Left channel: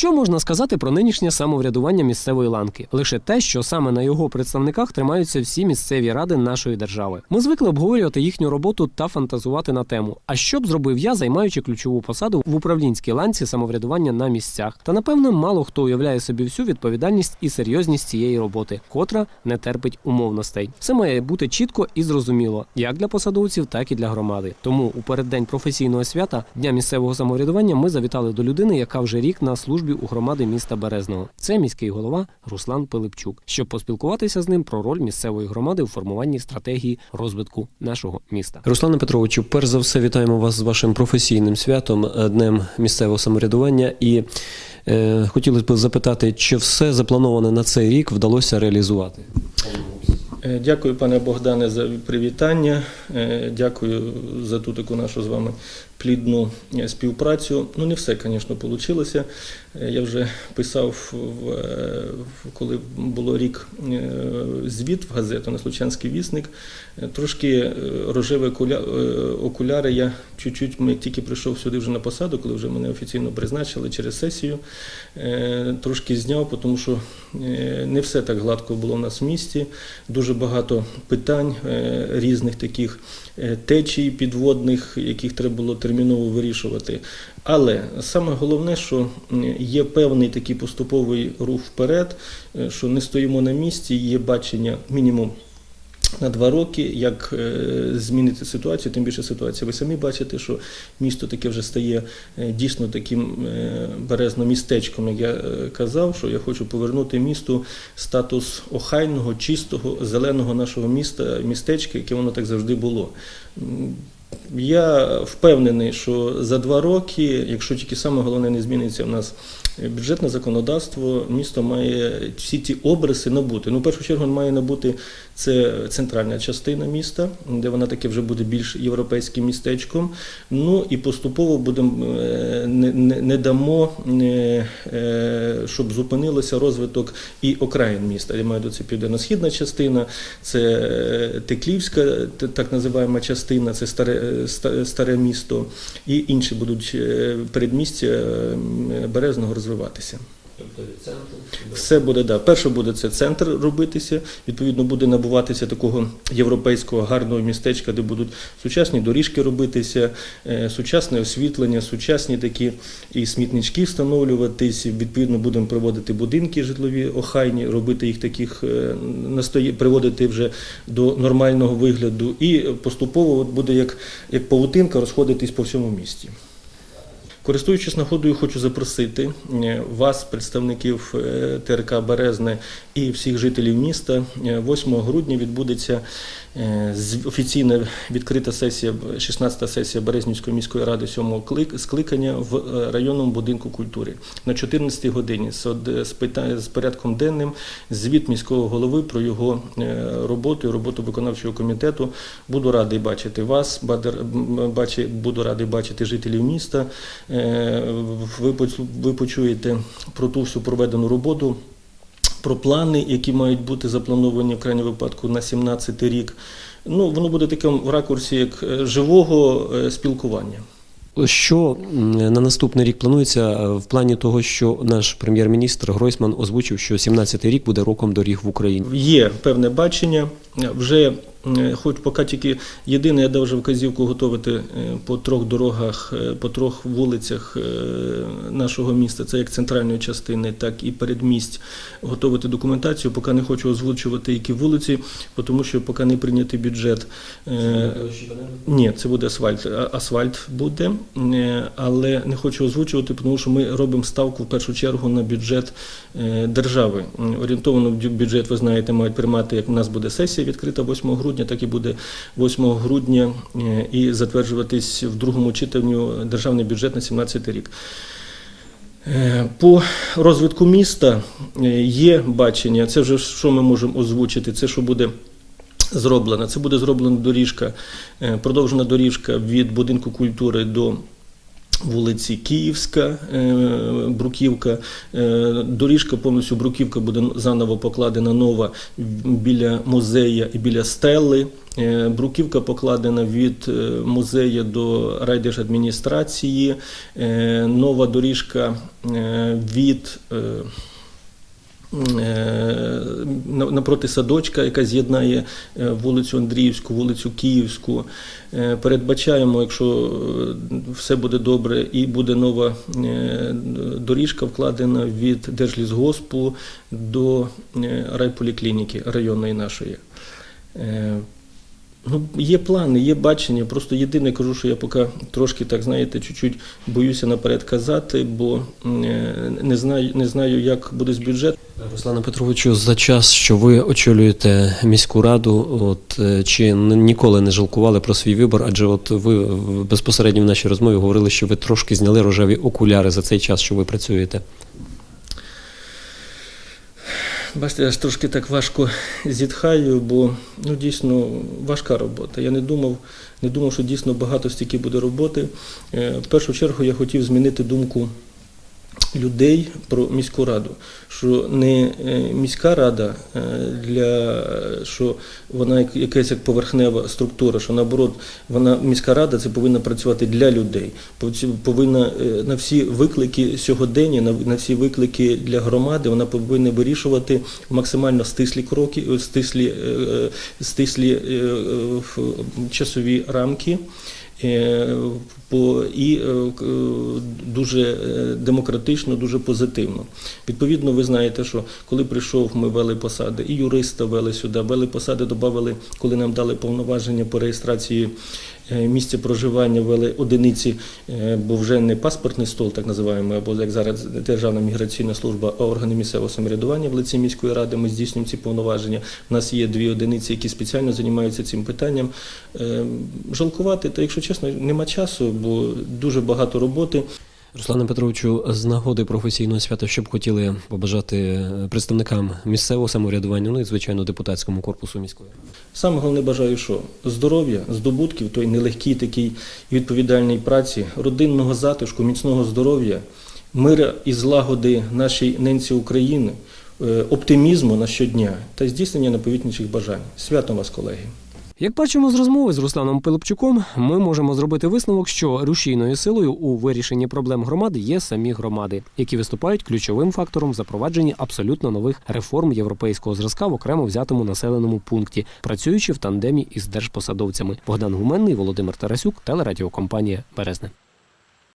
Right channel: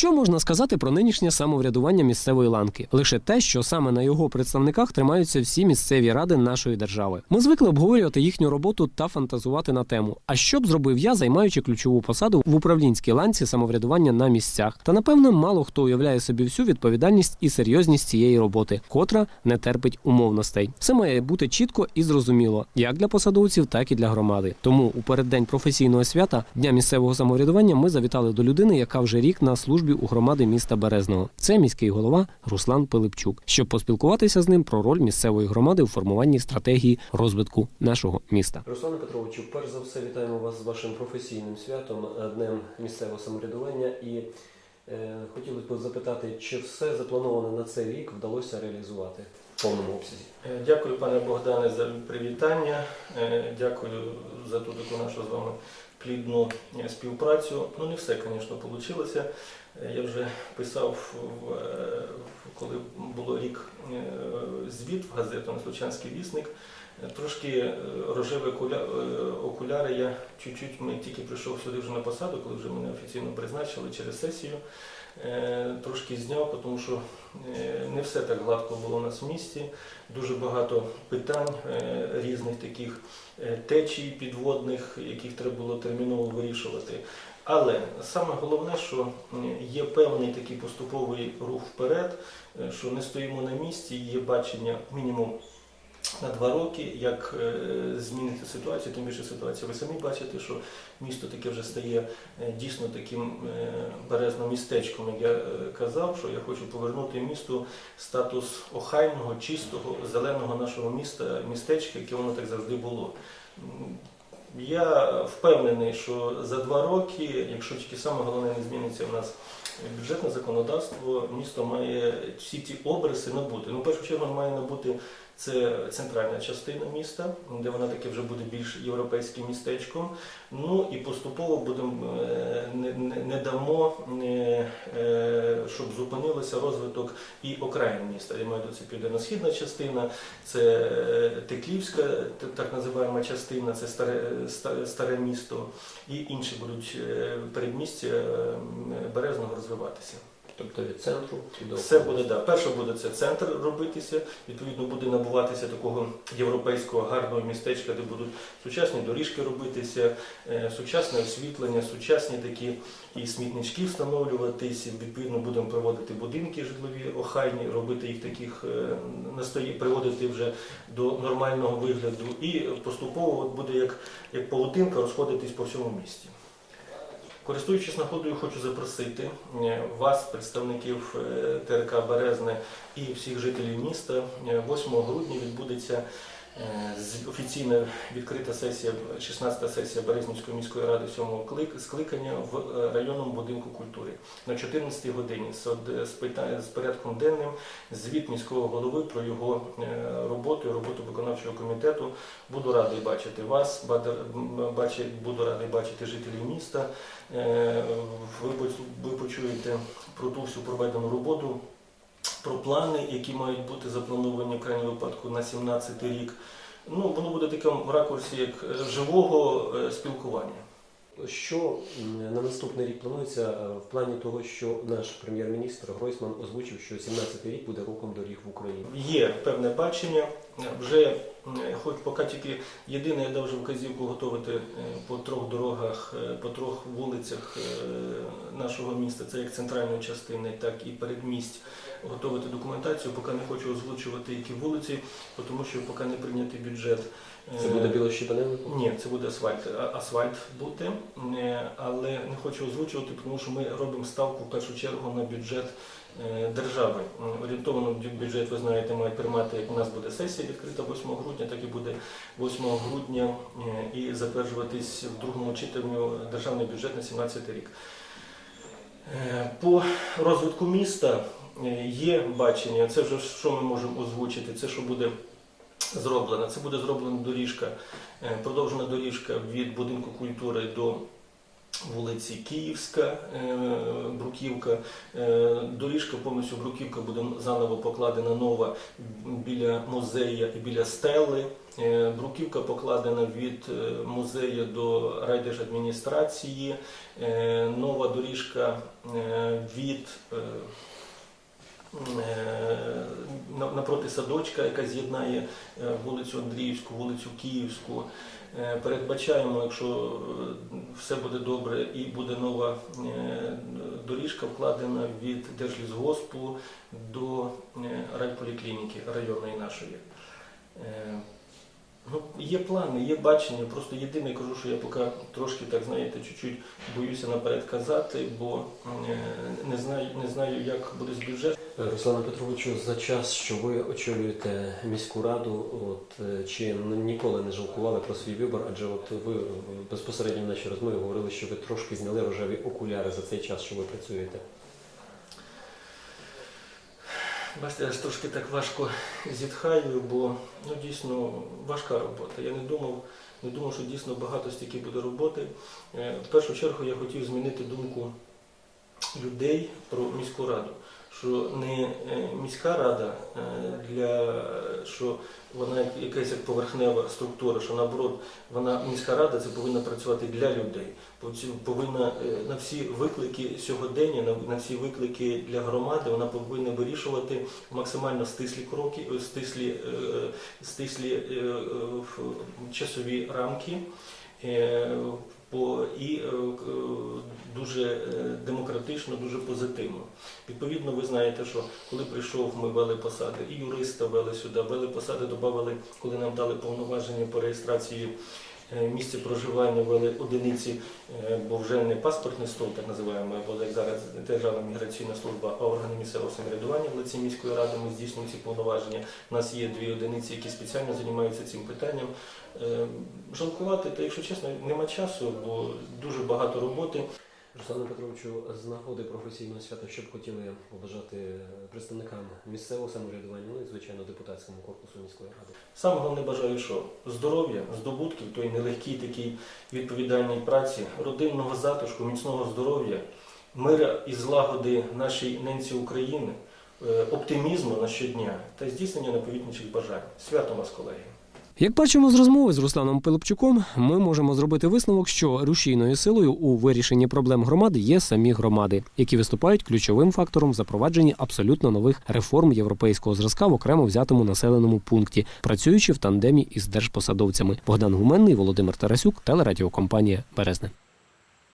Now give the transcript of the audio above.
Що можна сказати про нинішнє самоврядування місцевої ланки? Лише те, що саме на його представниках тримаються всі місцеві ради нашої держави. Ми звикли обговорювати їхню роботу та фантазувати на тему. А що б зробив я, займаючи ключову посаду в управлінській ланці самоврядування на місцях? Та напевно мало хто уявляє собі всю відповідальність і серйозність цієї роботи, котра не терпить умовностей. Все має бути чітко і зрозуміло, як для посадовців, так і для громади. Тому у переддень професійного свята дня місцевого самоврядування ми завітали до людини, яка вже рік на службі у громади міста Березного. Це міський голова Руслан Пилипчук, щоб поспілкуватися з ним про роль місцевої громади у формуванні стратегії розвитку нашого міста. Руслане Петровичу, перш за все, вітаємо вас з вашим професійним святом, е, днем місцевого самоврядування. І е, хотілося б запитати, чи все заплановане на цей рік вдалося реалізувати? Е, Дякую, пане Богдане, за привітання. Дякую за ту таку нашу з вами плідну е, співпрацю. Ну, не все, звісно, вийшло. Я вже писав, е, коли було рік е, звіт в газету на Случанський вісник. Е, Трошки е, рожеві е, окуляри. Я чуть-чуть ми тільки прийшов сюди вже на посаду, коли вже мене офіційно призначили через сесію. Е, Трошки зняв, тому що е, не все так гладко було в нас в місті. Дуже багато питань е, різних таких е, течій підводних, яких треба було терміново вирішувати. Але саме головне, що є певний такий поступовий рух вперед, е, що не стоїмо на місці, є бачення мінімум. На два роки, як е, змінити ситуацію, тим більше ситуація. Ви самі бачите, що місто таке вже стає е, дійсно таким е, березно-містечком, як я казав, що я хочу повернути місту статус охайного, чистого, зеленого нашого міста, містечка, яке воно так завжди було. Я впевнений, що за два роки, якщо тільки саме головне не зміниться в нас бюджетне законодавство, місто має всі ті обриси набути. Ну, в першу чергу, має набути це центральна частина міста, де вона таке вже буде більш європейським містечком. Ну і поступово будемо е, не, не, не дамо, е, е, щоб зупинилося розвиток і окраїн міста. Я маю до це південно-східна частина, це Теклівська, так називаємо частина, це старе, старе місто, і інші будуть передмістя Березного розвиватися. Тобто від центру Все буде да. Перше буде це центр робитися. Відповідно, буде набуватися такого європейського гарного містечка, де будуть сучасні доріжки робитися, е, сучасне освітлення, сучасні такі і смітнички встановлюватись. Відповідно, будемо приводити будинки житлові охайні, робити їх таких е, приводити вже до нормального вигляду. І поступово буде як, як павутинка розходитись по всьому місті. Користуючись нагодою, хочу запросити е, вас, представників е, ТРК Березне і всіх жителів міста. Е, 8 грудня відбудеться е, офіційна відкрита сесія, 16-та сесія Березнівської міської ради 7-го скликання в е, районному будинку культури на 14-й годині з порядком денним звіт міського голови про його е, роботу і роботу виконавчого комітету. Буду радий бачити вас, буду радий бачити жителів міста. Ви почуєте про ту всю проведену роботу, про плани, які мають бути заплановані в крайньому випадку на 17 рік. Ну, воно буде таким в ракурсі як е, живого е, спілкування. Що на наступний рік планується е, в плані того, що наш прем'єр-міністр Гройсман озвучив, що 17-й рік буде роком доріг в Україні. Є певне бачення. Вже хоч поки тільки єдине, я дав вже вказівку готувати е, по трьох дорогах, е, по трьох вулицях е, нашого міста, це як центральної частини, так і передмість, готувати документацію. Поки не хочу озвучувати, які вулиці, тому що поки не прийнятий бюджет. Е, ні, це буде асфальт. Асфальт буде, е, але не хочу озвучувати, тому що ми робимо ставку в першу чергу на бюджет е, держави. М, Орієнтовано бюджет, ви знаєте, мають приймати, як у нас буде сесія відкрита 8 грудня, так і буде 8 грудня е, і затверджуватись в другому читанню державний бюджет на 17 рік. Е, По розвитку міста е, є бачення. Це вже що ми можемо озвучити. Це що буде зроблено. Це буде зроблена доріжка, е, продовжена доріжка від будинку культури до Вулиці Київська, е, Бруківка. Е, Доріжка повністю Бруківка буде заново покладена нова біля музея і біля стели. Е, Бруківка покладена від музею до райдержадміністрації. Нова доріжка від напроти садочка, яка з'єднає е, вулицю Андріївську, вулицю Київську. Е, Передбачаємо, якщо е, все буде добре, і буде нова доріжка вкладена від Держлісгоспу до райполіклініки районної нашої. Ну, є плани, є бачення. Просто єдине кажу, що я поки трошки так знаєте, чуть-чуть боюся наперед казати, бо не знаю, не знаю, як буде з бюджетом. Руслане Петровичу, за час, що ви очолюєте міську раду, от е, чи ніколи не жалкували про свій вибор? Адже от ви безпосередньо в нашій розмові говорили, що ви трошки зняли рожеві окуляри за цей час, що ви працюєте. Бачите, я ж трошки так важко зітхаю, бо ну дійсно важка робота. Я не думав, не думав, що дійсно багато стільки буде роботи. Е, В першу чергу я хотів змінити думку людей про міську раду, що не е, міська рада е, для що вона як- якась як поверхнева структура, що наоборот, вона міська рада це повинна працювати для людей, Пов- повинна е, на всі виклики сьогодення, на, всі виклики для громади, вона повинна вирішувати максимально стислі кроки, стислі, стислі часові рамки. Е, по- і е, е, дуже демократично, дуже позитивно. Відповідно, ви знаєте, що коли прийшов, ми вели посади, і юриста вели сюди, вели посади, додали, коли нам дали повноваження по реєстрації е, місця проживання, вели одиниці, е, бо вже не паспортний стол, так називаємо, або як зараз Державна міграційна служба, а органи місцевого самоврядування в лиці міської ради. Ми здійснюємо ці повноваження. У нас є дві одиниці, які спеціально займаються цим питанням. Е, Жалкувати, та якщо чесно, нема часу, бо дуже багато роботи. Руслане Петровичу, з нагоди професійного свята, що б хотіли побажати е, представникам місцевого самоврядування, ну і звичайно депутатському корпусу міської. Саме головне бажаю, що здоров'я, здобутків, той нелегкій такій відповідальній праці, родинного затишку, міцного здоров'я, мира і злагоди нашій ненці України, е, оптимізму на щодня та здійснення наповітніших бажань. Святом вас, колеги! Як бачимо з розмови з Русланом Пилипчуком, ми можемо зробити висновок, що рушійною силою у вирішенні проблем громади є самі громади, які виступають ключовим фактором в запровадженні абсолютно нових реформ європейського зразка в окремо взятому населеному пункті, працюючи в тандемі із держпосадовцями. Богдан Гуменний, Володимир Тарасюк, телерадіокомпанія Березне.